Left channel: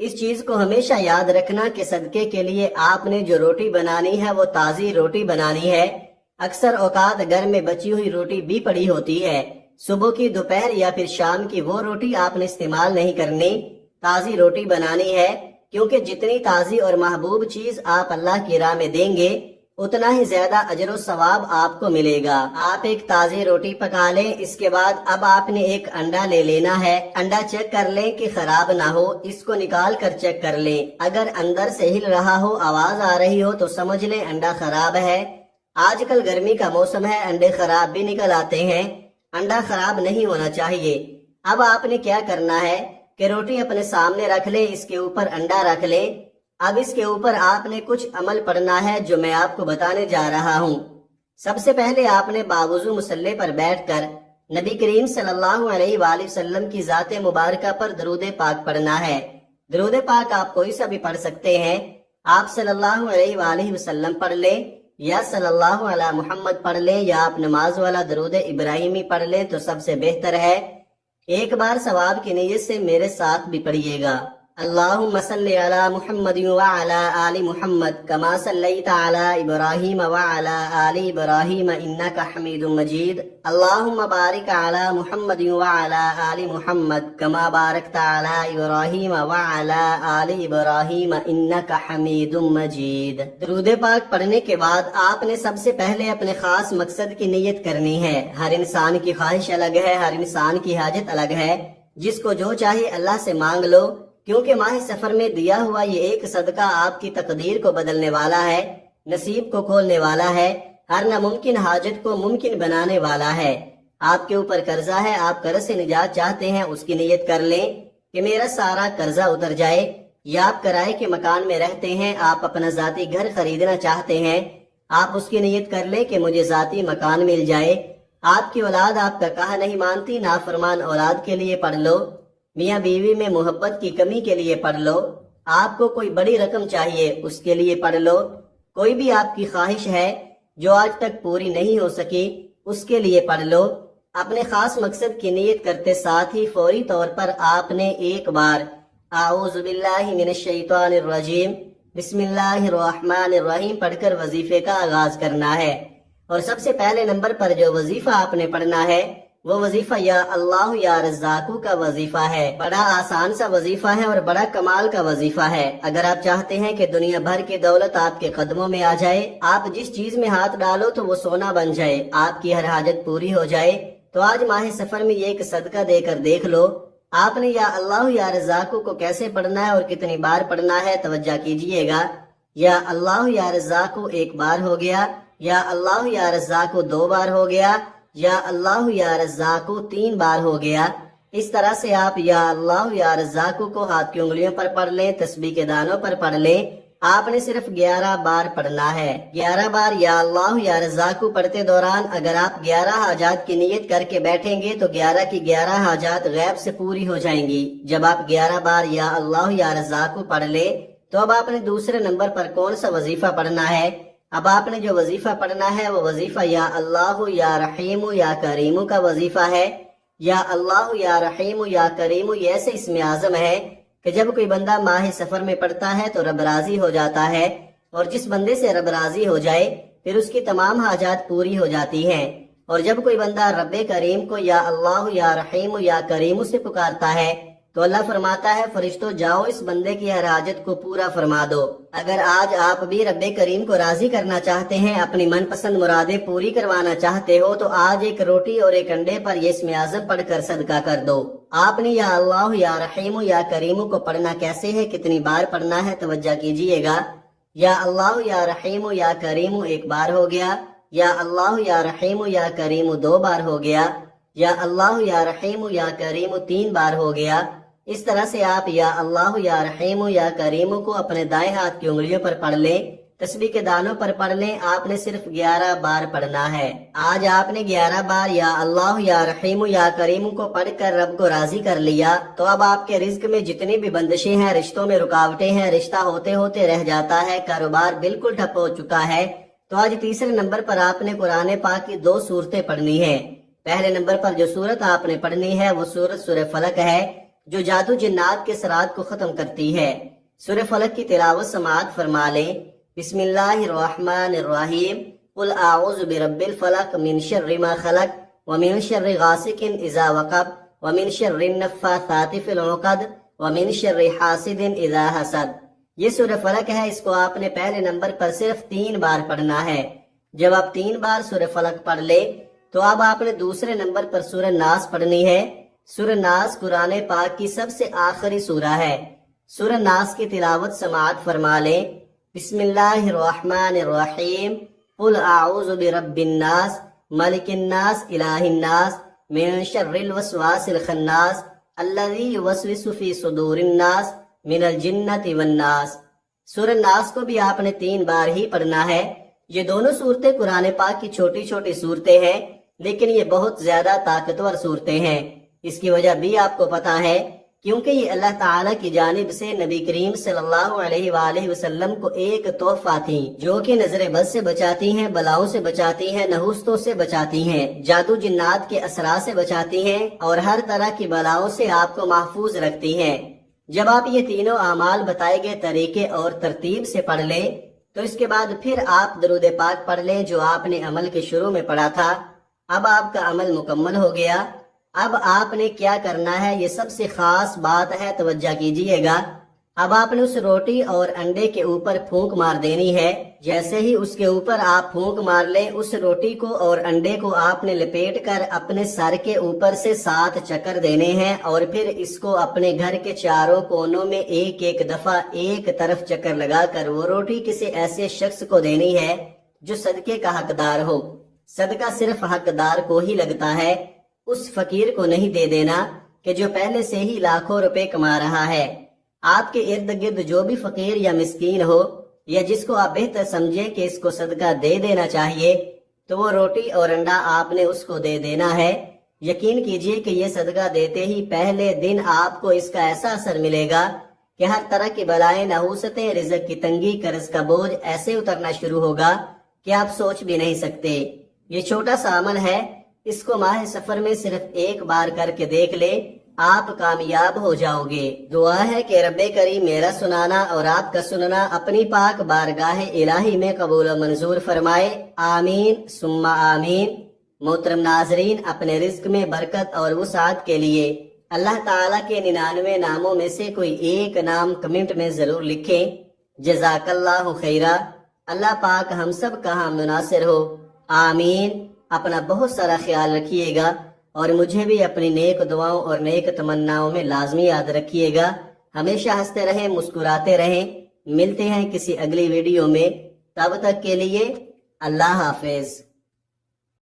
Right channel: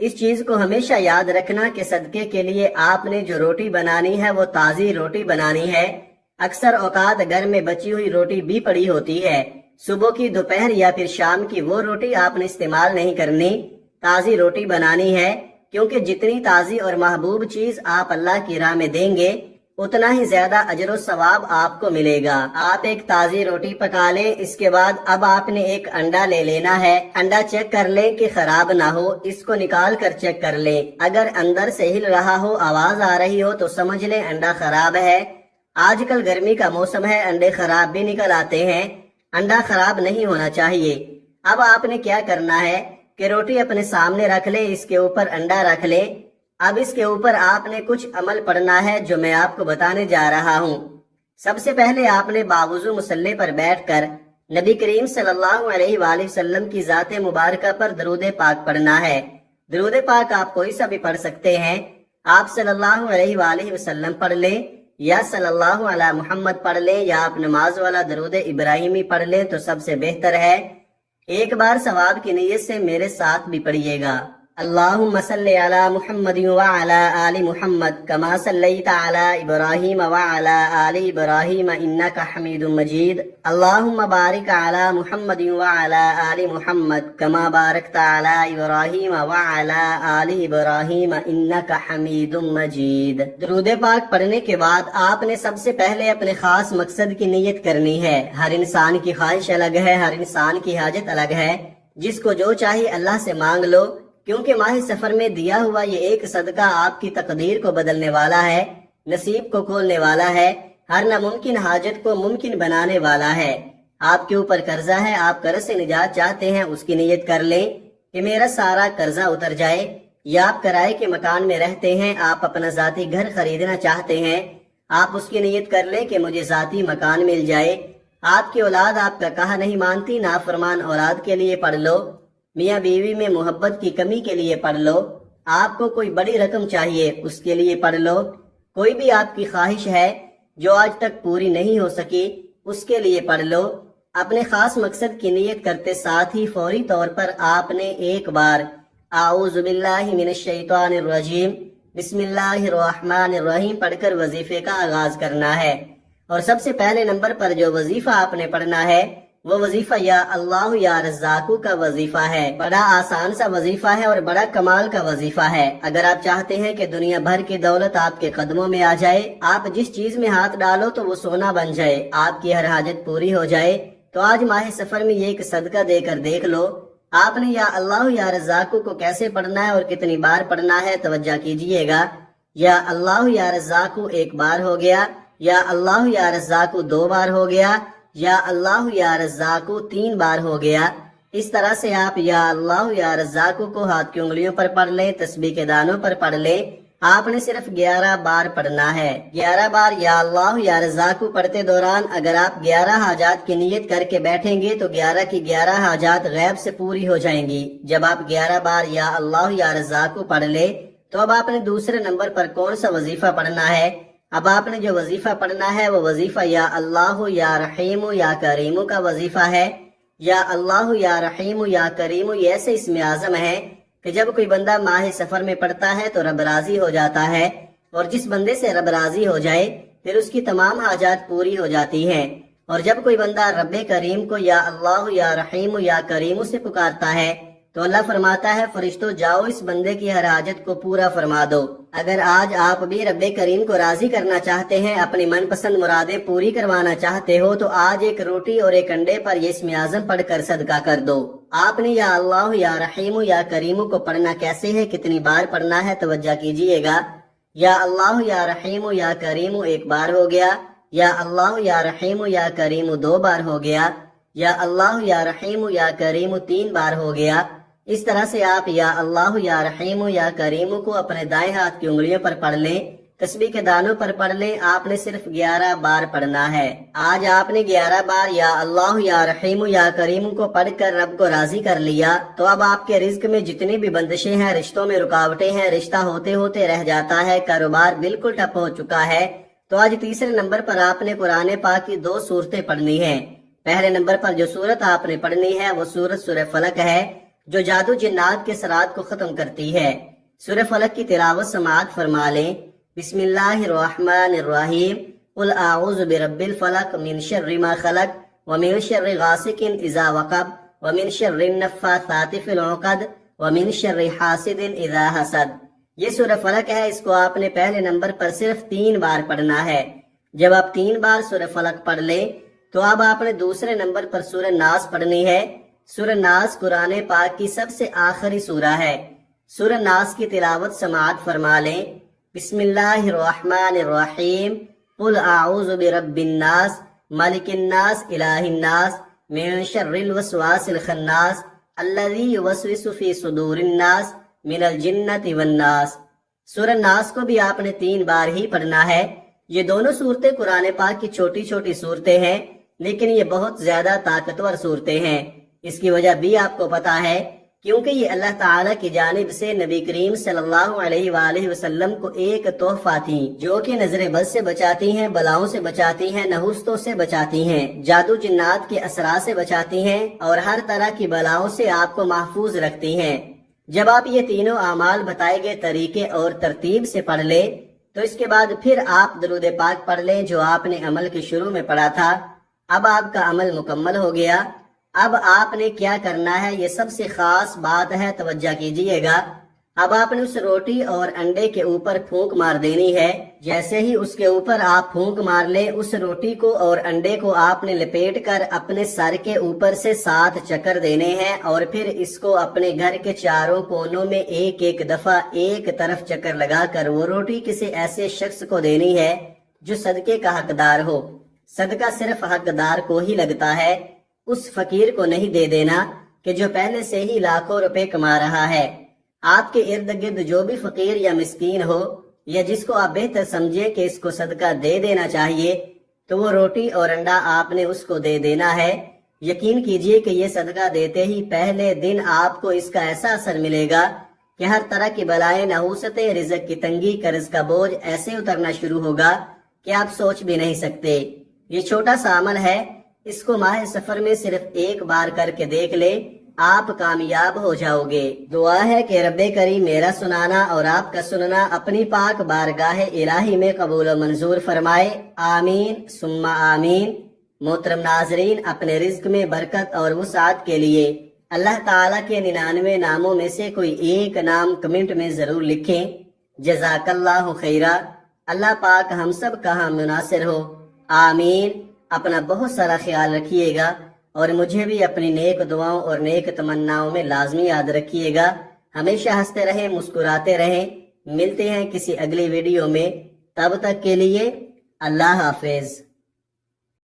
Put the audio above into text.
اس چیز کو ہمیشہ یاد رکھنا کہ صدقے کے لیے آپ نے جو روٹی بنانی ہے وہ تازی روٹی بنانی ہے۔ اکثر اوقات گھر میں بچی ہوئی روٹی بھی پڑی ہوتی ہے، صبح کی، دوپہر یا پھر شام کی وہ روٹی آپ نے استعمال نہیں کرنی، تازی روٹی بنانی ہے، کیونکہ جتنی تازی اور محبوب چیز آپ اللہ کی راہ میں دیں گے اتنا ہی زیادہ اجر و ثواب آپ کو ملے گا۔ آپ ایک تازی روٹی پکا لیں، اس کے بعد اب آپ نے ایک انڈا لے لینا ہے۔ انڈا چیک کر لیں کہ خراب نہ ہو، اس کو نکال کر چیک کر لیں، اگر اندر سے ہل رہا ہو، آواز آ رہی ہو تو سمجھ لیں انڈا خراب ہے۔ آج کل گرمی کا موسم ہے، انڈے خراب بھی نکل آتے ہیں، انڈا خراب نہیں ہونا چاہیے۔ اب آپ نے کیا کرنا ہے کہ روٹی اپنے سامنے رکھ لیں، اس کے اوپر انڈا رکھ لیں۔ اب اس کے اوپر آپ نے کچھ عمل پڑھنا ہے جو میں آپ کو بتانے جا رہا ہوں۔ سب سے پہلے آپ نے باوضو مصلی پر بیٹھ کر نبی کریم صلی اللہ علیہ وآلہ وسلم کی ذات مبارکہ پر درود پاک پڑھنا ہے۔ درود پاک آپ کوئی سا بھی پڑھ سکتے ہیں، آپ صلی اللہ علیہ وآلہ وسلم پڑھ لیں یا صلی اللہ علی محمد پڑھ لیں یا آپ نماز والا درود ابراہیمی پڑھ لیں تو سب سے بہتر ہے۔ ایک بار ثواب کی نیت سے میرے ساتھ بھی پڑھیے گا۔ اللہم صلی علی محمد وعلی آل محمد کما صلیت علی ابراہیم وعلی آل ابراہیم انکا حمید مجید۔ اللہم بارک علی محمد وعلی آل محمد کما بارکت علی ابراہیم وعلی آل ابراہیم انکا حمید مجید۔ درود پاک پڑھنے کے بعد آپ نے سب سے پہلے اپنے خاص مقصد کی نیت کرنی ہے۔ ہر انسان کی خواہش الگ ہے، ہر انسان کی حاجت الگ ہے، جس کو جو چاہیے اللہ سے مانگ لو، کیونکہ ماہ سفر میں دیا ہوا یہ ایک صدقہ آپ کی تقدیر کو بدلنے والا ہے، نصیب کو کھولنے والا ہے، ہر ناممکن حاجت کو ممکن بنانے والا ہے۔ آپ کے اوپر قرضہ ہے، آپ قرض سے نجات چاہتے ہیں، اس کی نیت کر لیں کہ میرا سارا قرضہ اتر جائے، یا آپ کرائے کے مکان میں رہتے ہیں، آپ اپنا ذاتی گھر خریدنا چاہتے ہیں، آپ اس کی نیت کر لیں کہ مجھے ذاتی مکان مل جائے۔ آپ کی اولاد آپ کا کہا نہیں مانتی، نافرمان اولاد کے لیے پڑھ لو، میاں بیوی میں محبت کی کمی کے لیے پڑھ لو، آپ کو کوئی بڑی رقم چاہیے اس کے لیے پڑھ لو، کوئی بھی آپ کی خواہش ہے جو آج تک پوری نہیں ہو سکی اس کے لیے پڑھ لو۔ اپنے خاص مقصد کی نیت کرتے ساتھ ہی فوری طور پر آپ نے ایک بار اعوذ باللہ من الشیطان الرجیم بسم اللہ الرحمن الرحیم پڑھ کر وظیفے کا آغاز کرنا ہے۔ اور سب سے پہلے نمبر پر جو وظیفہ آپ نے پڑھنا ہے وہ وظیفہ یا اللہ یا رزاقو کا وظیفہ ہے۔ بڑا آسان سا وظیفہ ہے اور بڑا کمال کا وظیفہ ہے۔ اگر آپ چاہتے ہیں کہ دنیا بھر کی دولت آپ کے قدموں میں آ جائے، آپ جس چیز میں ہاتھ ڈالو تو وہ سونا بن جائے، آپ کی ہر حاجت پوری ہو جائے، تو آج ماہ سفر میں یہ ایک صدقہ دے کر دیکھ لو۔ آپ نے یا اللہ یا رزاقو کو کیسے پڑھنا ہے اور کتنی بار پڑھنا ہے توجہ کیجئے گا۔ یا اللہ یا رزاقو ایک بار ہو گیا، یا اللہ یا رزاقو 2 بار ہو گیا، یا اللہ یا رزاقو 3 بار ہو گیا۔ اس طرح سے آپ یا اللہ یا رزاقو کو ہاتھ کی انگلیوں پر پڑھ لیں، تسبیح کے دانوں پر پڑھ لیں۔ آپ نے صرف 11 بار پڑھنا ہے۔ 11 بار یا اللہ یا رزاقو پڑھتے دوران اگر آپ 11 حاجات کی نیت کر کے بیٹھیں گے تو 11 کی 11 حاجات غیب سے پوری ہو جائیں گی۔ جب آپ 11 بار یا اللہ یا رزاقو پڑھ لیں تو اب آپ نے دوسرے نمبر پر کون سا وظیفہ پڑھنا ہے؟ اب آپ نے جو وظیفہ پڑھنا ہے وہ وظیفہ یا اللہ یا رحیم یا کریم کا وظیفہ ہے۔ یا اللہ یا رحیم یا کریم یہ ایسے اسم اعظم ہے کہ جب کوئی بندہ ماہ سفر میں پڑھتا ہے تو رب راضی ہو جاتا ہے، اور جس بندے سے رب راضی ہو جائے پھر اس کی تمام حاجات پوری ہو جاتی ہیں۔ اور جب کوئی بندہ رب کریم کو یا اللہ یا رحیم یا کریم سے پکارتا ہے تو اللہ فرماتا ہے فرشتوں جاؤ اس بندے کی ہر حاجت کو پورا فرما دو۔ اگر آج آپ بھی رب کریم کو راضی کرنا چاہتے ہیں، اپنی من پسند مرادیں پوری کروانا چاہتے ہو تو آج ایک روٹی اور ایک انڈے پر یہ اسم اعظم پڑھ کر صدقہ کر دو۔ آپ نے یا اللہ یا رحیم یا کریم کو پڑھنا کیسے ہے، کتنی بار پڑھنا ہے توجہ کیجئے گا۔ یا اللہ یا رحیم یا کریم 1 بار ہو گیا، یا اللہ یا رحیم یا کریم 2 بار ہو گیا، یا اللہ یا رحیم یا کریم 3 بار ہو گیا۔ اس طرح سے آپ یا اللہ یا رحیم یا کریم کو اپنے دائیں ہاتھ کی انگلیوں پر پڑھ لیں، تسبیح کے دانوں پر پڑھ لیں۔ آپ نے صرف 11 بار پڑھنا ہے۔ آج آپ نے 11 بار یا اللہ یا رحیم یا کریم کو پڑھ کر رب کو راضی کر لیا تو اب آپ کے رزق میں جتنی بھی بندشیں ہیں، رشتوں میں رکاوٹیں ہیں، رشتہ ہوتے ہوتے رہ جاتا ہے، کاروبار بالکل ٹھپ ہو چکا ہے، تو آج تیسرے نمبر پر آپ نے قرآن پاک کی 2 سورتیں پڑھنی ہیں۔ پہلے نمبر پر جو سورت آپ نے پڑھنی ہے وہ سورت سورہ فلق ہے، جو جادو جنات کے سرات کو ختم کرتی ہے۔ سورہ فلق کی تلاوت سماعت فرما لیں۔ بسم اللہ الرحمن الرحیم، قل اعوذ برب الفلق من شر ما خلق ومن شر غاسق اذا وقب ومن شر النفاثات فی العقد ومن شر حاسد اذا حسد۔ یہ سورہ فلق ہے، اس کو آپ نے پہلے نمبر پر صرف 3 بار پڑھنا ہے۔ جب آپ 3 بار سورہ فلق پڑھ لیں تو اب آپ نے دوسرے نمبر پر سورہ ناس پڑھنی ہے۔ سورہ ناس قرآن پاک کی سب سے آخری سورہ ہے۔ سورہ ناس کی تلاوت سماعت فرما لیں۔ بسم اللہ الرحمن الرحیم، قل اعوذ برب الناس ملک الناس الہ الناس من شر الوسواس الخناس الذی یوسوس فی صدور الناس من الجنۃ والناس۔ سورہ ناس کو بھی آپ نے 3 بار ہی پڑھنا ہے۔ یہ دونوں صورتیں قرآن پاک کی چھوٹی چھوٹی صورتیں ہیں، لیکن یہ بہت زیادہ طاقتور صورتیں ہیں۔ اس کی وجہ بھی آپ کو پتا ہے، کیونکہ یہ اللہ تعالیٰ کی جانب سے نبی کریم صلی اللہ علیہ وآلہ وسلم کو ایک تحفہ تھی، جو کہ نظر بد سے بچاتی ہیں، بلاؤں سے بچاتی ہیں، نحوستوں سے بچاتی ہیں، جادو جنات کے اثرات سے بچاتی ہیں، اور ہر طرح کی بلاؤں سے آپ کو محفوظ رکھتی ہیں۔ جب آپ یہ تینوں اعمال بتائے گئے طریقے اور ترتیب سے پڑھ لیں تو اس کے بعد پھر آپ درود پاک پڑھ لیں جو آپ نے عمل کے شروع میں پڑھا تھا۔ اب آپ کا عمل مکمل ہو گیا۔ اب آپ نے کیا کرنا ہے، یہ سب سے خاص بات ہے، توجہ کیجئے گا۔ اب آپ نے اس روٹی اور انڈے کے اوپر پھونک مار دینی ہے۔ جیسے ہی اس کے اوپر آپ پھونک مار لیں، اس روٹی کو اور انڈے کو آپ نے لپیٹ کر اپنے سر کے اوپر سے 7 چکر دینے ہیں، اور پھر اس کو اپنے گھر کے چاروں کونوں میں ایک ایک دفعہ ایک طرف چکر لگا کر وہ روٹی کسی ایسے شخص کو دینی ہے جو صدقے کا حقدار ہو۔ صدقہ صرف حقدار کو ہی لگتا ہے، اس فقیر کو نہیں دے دینا کہ جو پہلے سے ہی لاکھوں روپے کما رہا ہے۔ آپ کے ارد گرد جو بھی فقیر یا مسکین ہو، یا جس کو آپ بہتر سمجھیں کہ اس کو صدقہ دے دینا چاہیے، تو وہ روٹی اور انڈا آپ نے اس کو دے دینا ہے۔ یقین کیجئے کہ یہ صدقہ دیتے ہی پہلے دن آپ کو اس کا ایسا اثر ملے گا کہ ہر طرح کی بلائیں، نحوستیں، رزق کی تنگی، قرض کا بوجھ ایسے اترنا شروع ہوگا کہ آپ سوچ بھی نہیں سکتے۔ یہ چھوٹا سا عمل ہے، اس کو ماہ سفر میں صرف 1 بار کر کے دیکھ لے، آپ کامیاب ہو جاؤ گے۔ دعا ہے کہ رب کریم میرا سنانا اور آپ کا سننا اپنی پاک بارگاہ الہی میں قبول و منظور فرمائے، آمین ثم آمین۔ محترم ناظرین، اپنے رزق میں برکت اور وسعت کے لیے اللہ تعالیٰ کے 99 ناموں میں سے کوئی ایک نام کمنٹ میں ضرور لکھیں۔ جزاک اللہ خیرہ۔ اللہ پاک ہم سب کا ہم مناصر ہو، آمین۔ اپنا بہت سارا خیال رکھیے گا، اور مجھے بھی اپنی نیک دعاؤں اور نیک تمناؤں میں لازمی یاد رکھیے گا۔ ہمیشہ ہنستے رہیں، مسکراتے رہیں۔ ملتے ہیں کسی اگلی ویڈیو میں، تب تک کے لیے اللہ حافظ۔